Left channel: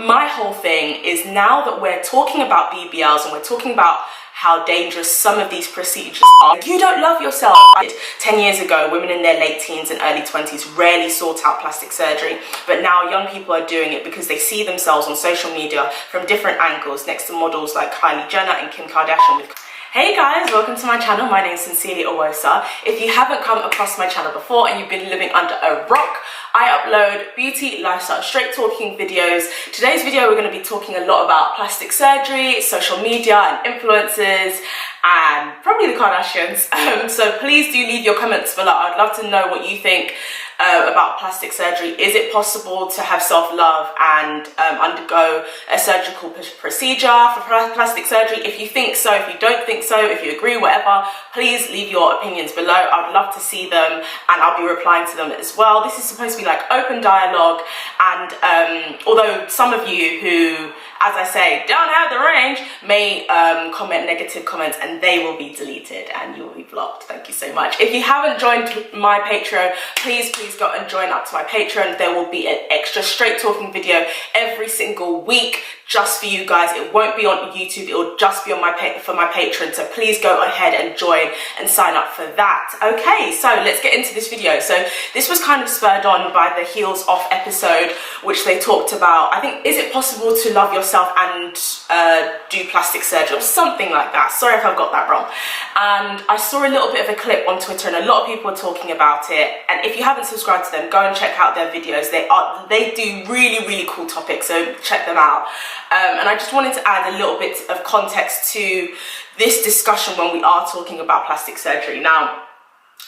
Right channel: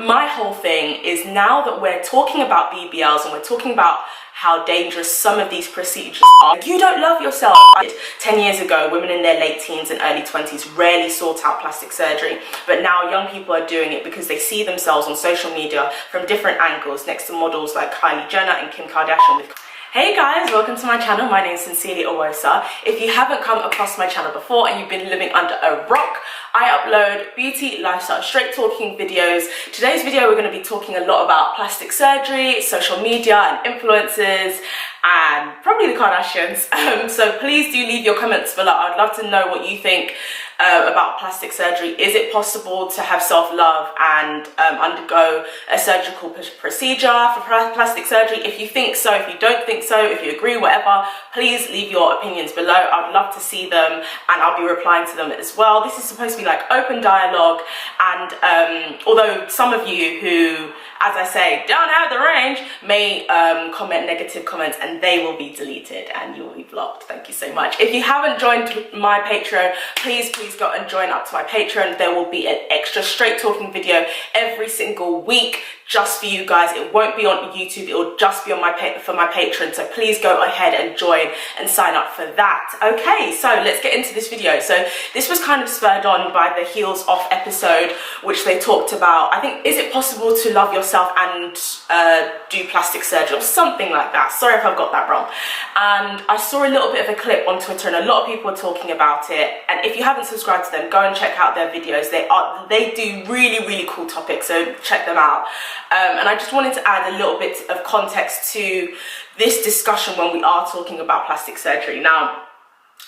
My whole thing is, now that we're talking about BBLs and we're talking about how dangerous some of these procedures are, you don't love yourself. 10 years ago, women in their late teens and early 20s rarely sought out plastic surgery, but now young people are doing it because they see themselves on social media from different angles next to models like Kylie Jenner and Kim Kardashian. Hey guys, welcome to my channel. My name is Sincerely Owosa. If you haven't come across my channel before and you've been living under a rock, I upload beauty, lifestyle, straight talking videos. Today's video we're going to be talking a lot about plastic surgery, social media and influencers, and probably the Kardashians. So please do leave your comments below. I'd love to know what you think about plastic surgery. Is it possible to have self-love and undergo a surgical procedure for plastic surgery? If you think so, if you don't think so, if you agree, whatever, please leave your opinions below. I'd love to see them and I'll be replying to them as well. This is supposed to be like open dialogue, and although some of you who, as I say, don't have the range may comment negative comments, and they will be deleted and you will be blocked. Thank you so much. If you haven't joined my Patreon, please go and join up to my Patreon. There will be an extra straight talking video every single week just for you guys. It won't be on YouTube, it will just be on my Patreon. So please go ahead and join and sign up for that. Okay, so let's get into this video. So this was kind of spurred on by the Heels Off episode, which they talked about, I think, is it possible to love yourself and do plastic surgery or something like that. Sorry if I've got that wrong. And I saw a little bit of a clip on Twitter and a lot of people were talking about it. And if you haven't subscribed to them, go and check out their videos. They do really cool topics, so check them out. And I just wanted to add a little bit of context to this discussion when we are talking about plastic surgery. Now,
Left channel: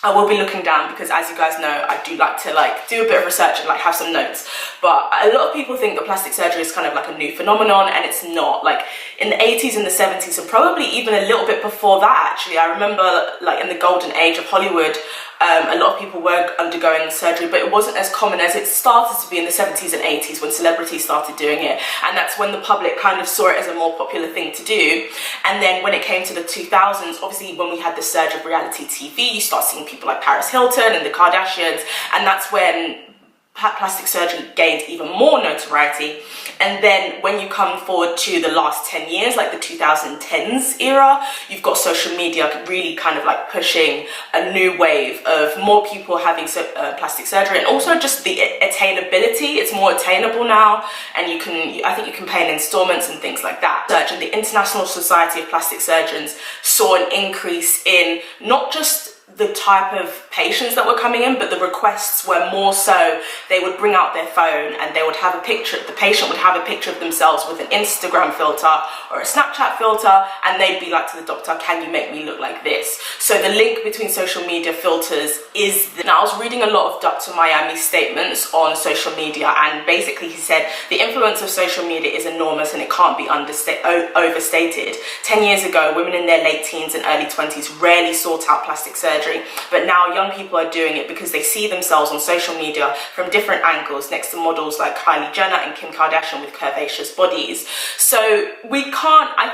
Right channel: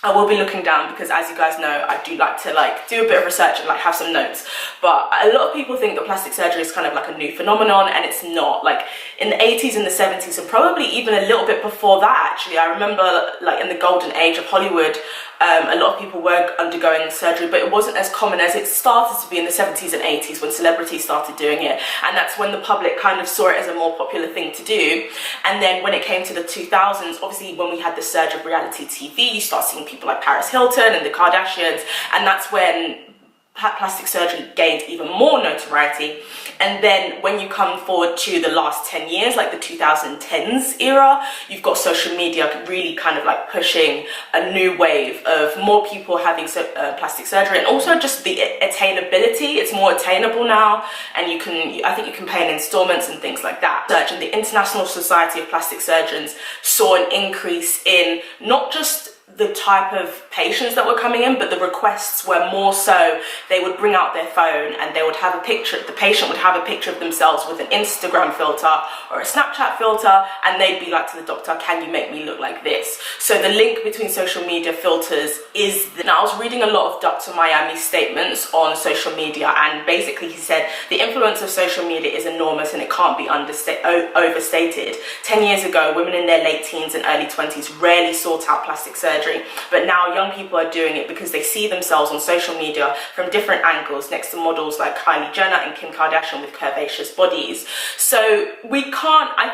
I will be looking down because, as you guys know, I do like to do a bit of research and have some notes. But a lot of people think that plastic surgery is kind of like a new phenomenon, and it's not. Like in the 80s and the 70s, and probably even a little bit before that, actually, I remember in the golden age of Hollywood, a lot of people were undergoing surgery, but it wasn't as common as it started to be in the 70s and 80s when celebrities started doing it. And that's when the public kind of saw it as a more popular thing to do. And then when it came to the 2000s, obviously when we had the surge of reality TV, you start seeing people like Paris Hilton and the Kardashians, and that's when plastic surgery gained even more notoriety. And then when you come forward to the last 10 years, like the 2010s era, you've got social media really kind of pushing a new wave of more people having plastic surgery, and also just the attainability. It's more attainable now, and I think you can pay in installments and things like that. And the International Society of Plastic Surgeons saw an increase in not just the type of patients that were coming in, but the requests were more so they would bring out their phone and they would have a picture, the patient would have a picture of themselves with an Instagram filter or a Snapchat filter, and they'd be like to the doctor, can you make me look like this? So the link between social media filters is now I was reading a lot of Dr. Miami's statements on social media, and basically he said the influence of social media is enormous and it can't be overstated. 10 years ago, women in their late teens and early 20s rarely sought out plastic surgery, but now young people are doing it because they see themselves on social media from different angles next to models like Kylie Jenner and Kim Kardashian with curvaceous bodies. So we can't, I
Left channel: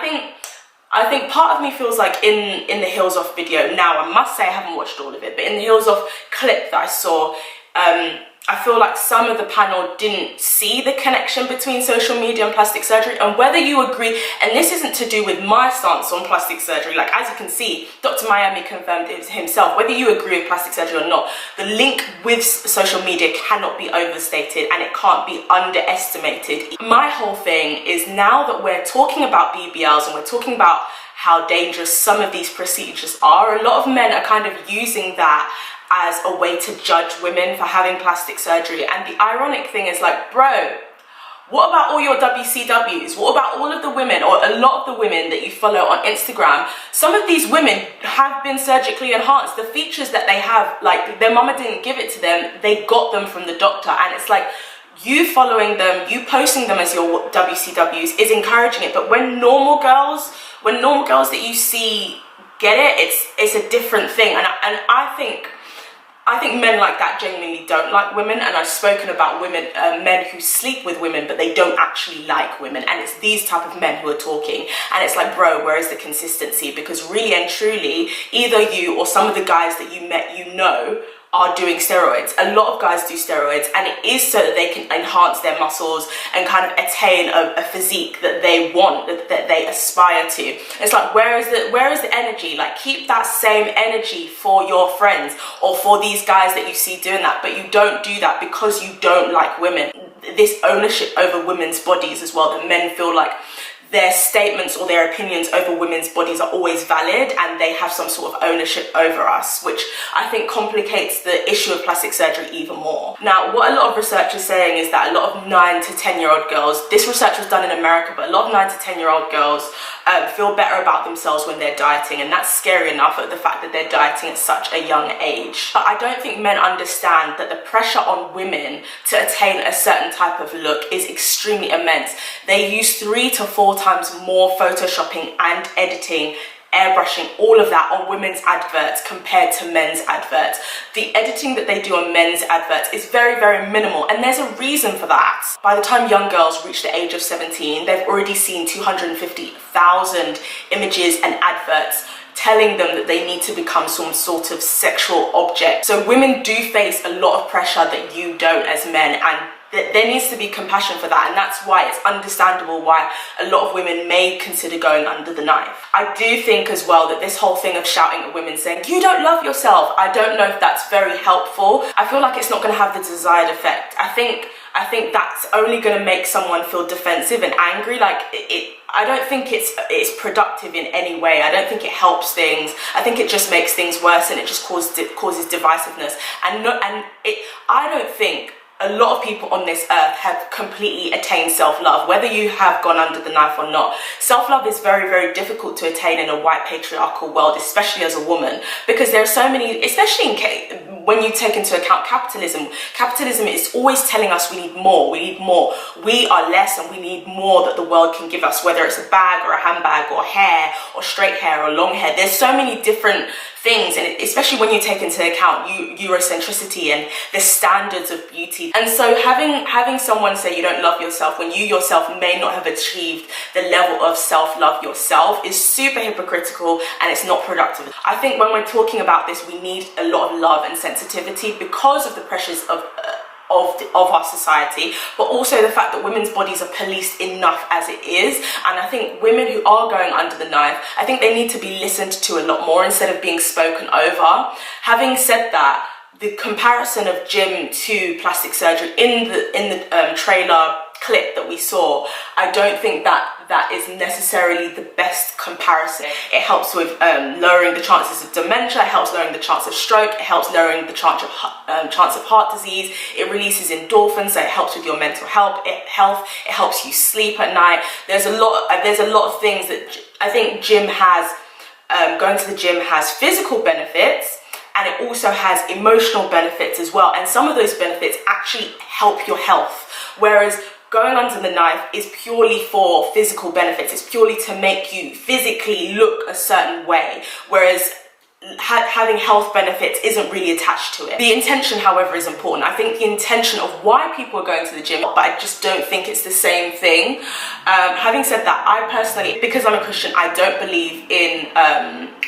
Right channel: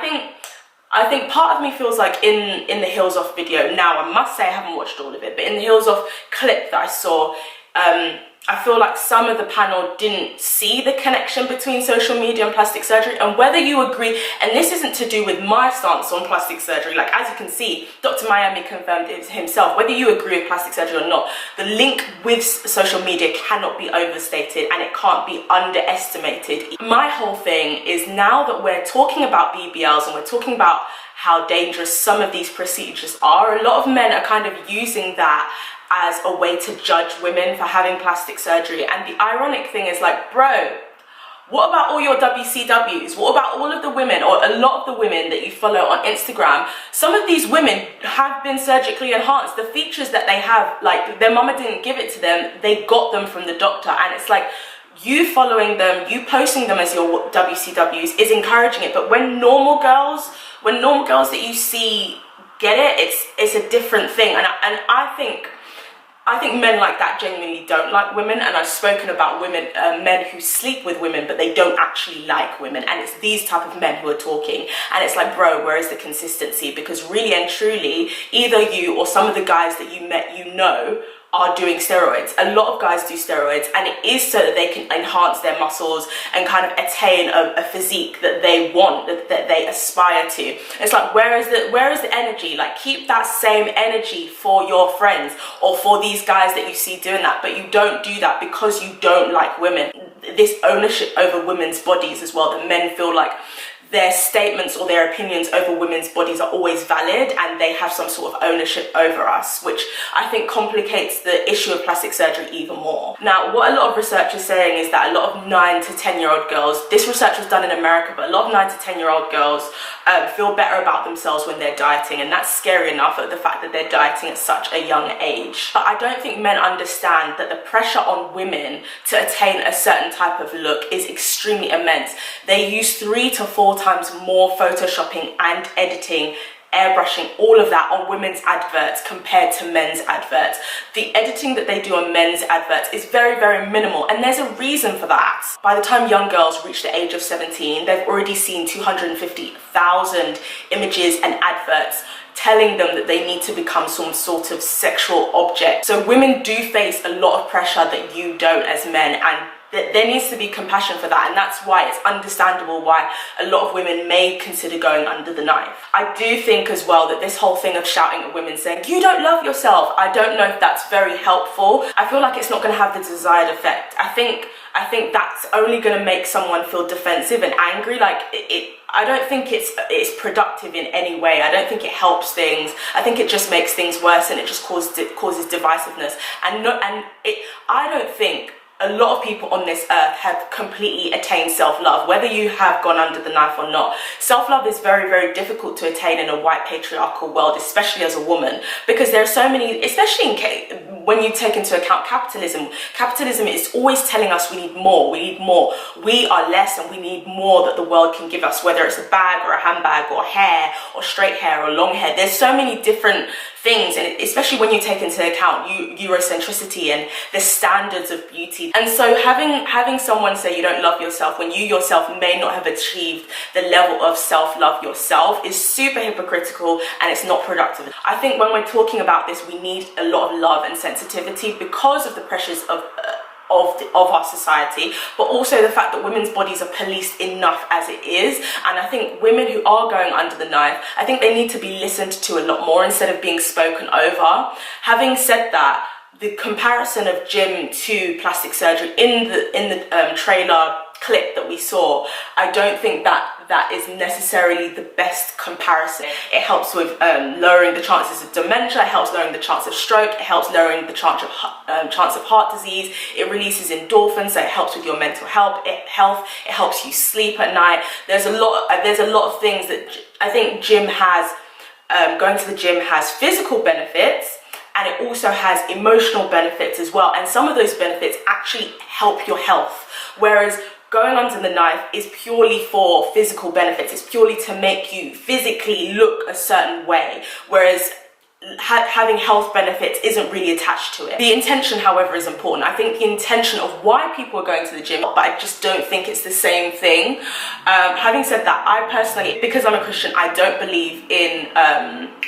think part of me feels like in the Heels Off video, now I must say I haven't watched all of it, but in the Heels Off clip that I saw, I feel like some of the panel didn't see the connection between social media and plastic surgery. And whether you agree, and this isn't to do with my stance on plastic surgery, as you can see, Dr. Miami confirmed it himself, whether you agree with plastic surgery or not, the link with social media cannot be overstated and it can't be underestimated. My whole thing is, now that we're talking about BBLs and we're talking about how dangerous some of these procedures are, a lot of men are kind of using that as a way to judge women for having plastic surgery. And the ironic thing is, bro, what about all your WCWs? What about all of the women, or a lot of the women that you follow on Instagram? Some of these women have been surgically enhanced. The features that they have, their mama didn't give it to them, they got them from the doctor. And it's you following them, you posting them as your WCWs is encouraging it. But when normal girls that you see get it, it's a different thing. And I think men like that genuinely don't like women, and I've spoken about men who sleep with women but they don't actually like women, and it's these type of men who are talking. And it's bro, where is the consistency? Because really and truly, either you or some of the guys that you met, are doing steroids. A lot of guys do steroids, and it is so that they can enhance their muscles and kind of attain a physique that they want, that they aspire to. It's like, where is the energy? Like, keep that same energy for your friends or for these guys that you see doing that, but you don't do that because you don't like women. This ownership over women's bodies as well, that men feel like their statements or their opinions over women's bodies are always valid and they have some sort of ownership over us, which I think complicates the issue of plastic surgery even more. Now, what a lot of research is saying is that a lot of 9 to 10-year-old girls, this research was done in America, but a lot of 9 to 10-year-old girls feel better about themselves when they're dieting, and that's scary enough at the fact that they're dieting at such a young age. But I don't think men understand that the pressure on women to attain a certain type of look is extremely immense. They use 3 to 4 times more photoshopping and editing, airbrushing, all of that on women's adverts compared to men's adverts. The editing that they do on men's adverts is very, very minimal, and there's a reason for that. By the time young girls reach the age of 17, they've already seen 250,000 images and adverts telling them that they need to become some sort of sexual object. So women do face a lot of pressure that you don't as men, and there needs to be compassion for that, and that's why it's understandable why a lot of women may consider going under the knife. I do think as well that this whole thing of shouting at women saying, you don't love yourself, I don't know if that's very helpful. I feel like it's not going to have the desired effect. I think that's only going to make someone feel defensive and angry. Like, I don't think it's productive in any way. I don't think it helps things. I think it just makes things worse, and it just causes divisiveness. I don't think a lot of people on this earth have completely attained self-love, whether you have gone under the knife or not. Self-love is very, very difficult to attain in a white patriarchal world, especially as a woman, because there are so many, especially when you take into account capitalism. Capitalism is always telling us we need more, we are less, and we need more that the world can give us, whether it's a bag or a handbag or hair or straight hair or long hair. There's so many different things, and especially when you take into account Eurocentricity and the standards of beauty. And so having someone say you don't love yourself when you yourself may not have achieved the level of self-love yourself is super hypocritical, and it's not productive. I think when we're talking about this, we need a lot of love and sensitivity because of the pressures of our society, but also the fact that women's bodies are policed enough as it is. And I think women who are going under the knife, I think they need to be listened to a lot more instead of being spoken over. Having said that, the comparison of gym to plastic surgery in the trailer clip that we saw, I don't think that is necessarily the best comparison. It helps with lowering the chances of dementia, it helps lowering the chance of stroke, it helps lowering the chance of heart disease, it releases endorphins, so it helps with your mental health, it helps you sleep at night. There's a lot of things that I think going to the gym has physical benefits, and it also has emotional benefits as well, and some of those benefits actually help your health, whereas going under the knife is purely for physical benefits. It's purely to make you physically look a certain way, whereas having health benefits isn't really attached to it. The intention, however, is important. I think the intention of why people are going to the gym, but I just don't think it's the same thing. Having said that, I personally, because I'm a Christian, I don't believe in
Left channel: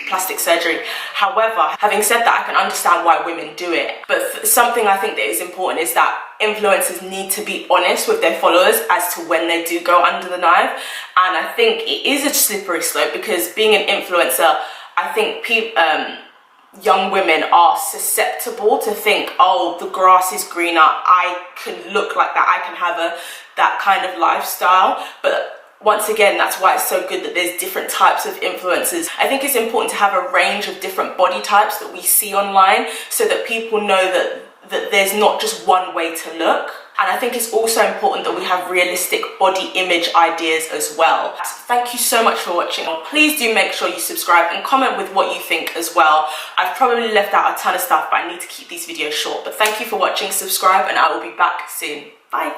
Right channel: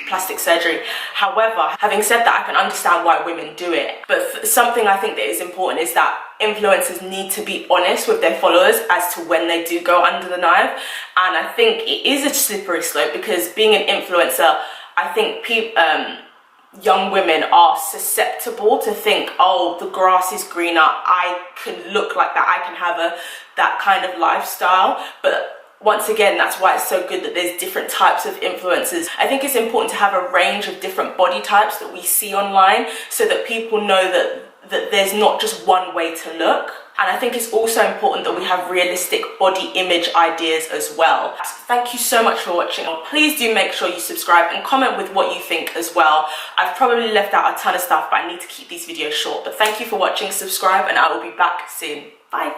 plastic surgery. However, having said that, I can understand why women do it. But something I think that is important is that influencers need to be honest with their followers as to when they do go under the knife. And I think it is a slippery slope, because being an influencer, I think young women are susceptible to think, oh, the grass is greener, I can look like that, I can have that kind of lifestyle. But once again, that's why it's so good that there's different types of influencers. I think it's important to have a range of different body types that we see online, so that people know that there's not just one way to look. And I think it's also important that we have realistic body image ideas as well. Thank you so much for watching. Please do make sure you subscribe and comment with what you think as well. I've probably left out a ton of stuff, but I need to keep these videos short. But thank you for watching, subscribe, and I will be back soon. Bye.